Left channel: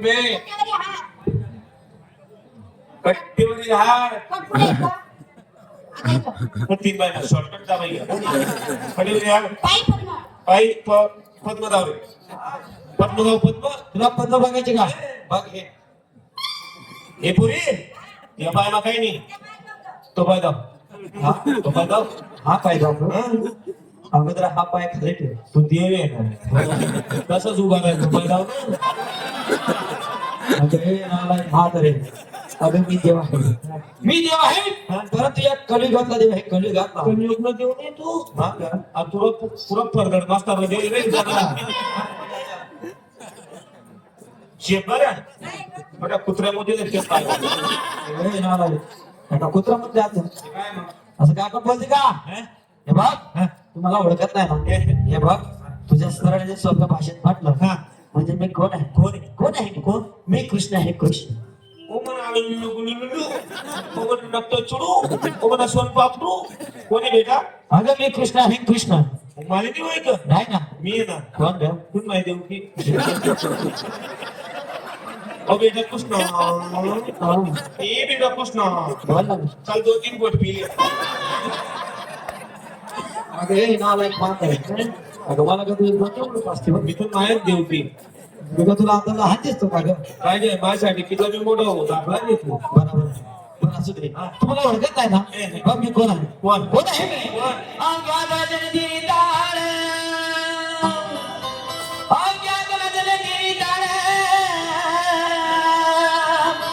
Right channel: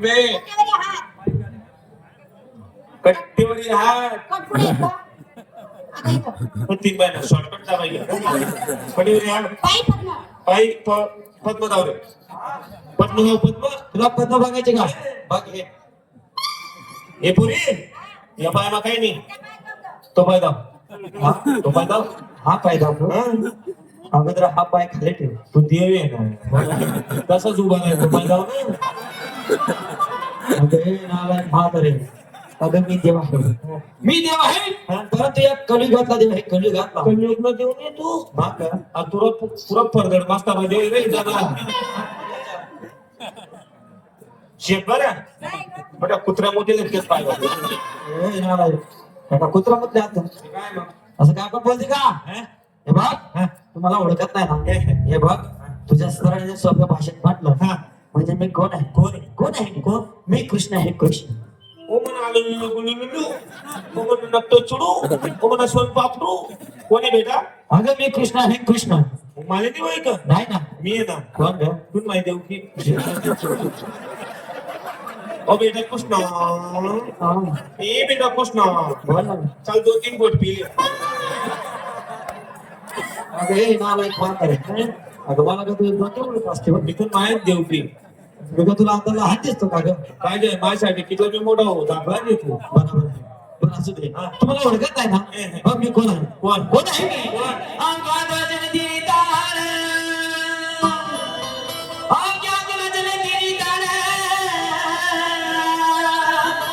बे कट्टीवरी हात तीन बाय शॉर्टकट दाबायला कट्टीवरी हात पायी पद्म धाव रे पद्म धाव पद्म तुला पद्म बघायचे का बघ हे पुरी या पायाला काही नाही तो पाय धाव तो पाय धाव हा पाय धाव अगोदर हा पाय खाली ठेव तू देव आहे ना तसंच उभा नाही तो पाय धाव अगं मी देव आहे परंतु या कलियुगातला देव आहे कलियुगातला देव नाही तू पुरा परगड मास्ता मध्ये रे शेतकऱ्या बघा कुत्र्यामध्ये तेच पाहिजे कुत्र्यामध्ये असं काय आपण बोलते का हे बघ तुम्हाला ओळखत नाही ना हे बघ तुझ्या सरळ सोप्या भाषेत म्हटलं म्हणजे मी कोण आहे कोण आहे कोण मी कृष्ण आहे कृष्ण कोण आहे बेटा अगं मी कृष्ण आहे कृष्ण मला नाही माहित नाही ना मी ना कोण तू माहिती देऊ की ओ बेटा कृष्ण ए बेटा कृष्ण चल 2-3 बोट पी अगे मला एक बात आहे अगं मला का तू बोलतो असते मी तर माहित देऊ की तुला तुला आता लहान दिसतो का ग काय गे माझ्यासाठी किती मी मोठा होता काय घेतलं बरोबर बरं असू दे तुम्हाला ओळखत आहे ना बघ मी कोण आहे कोण आहे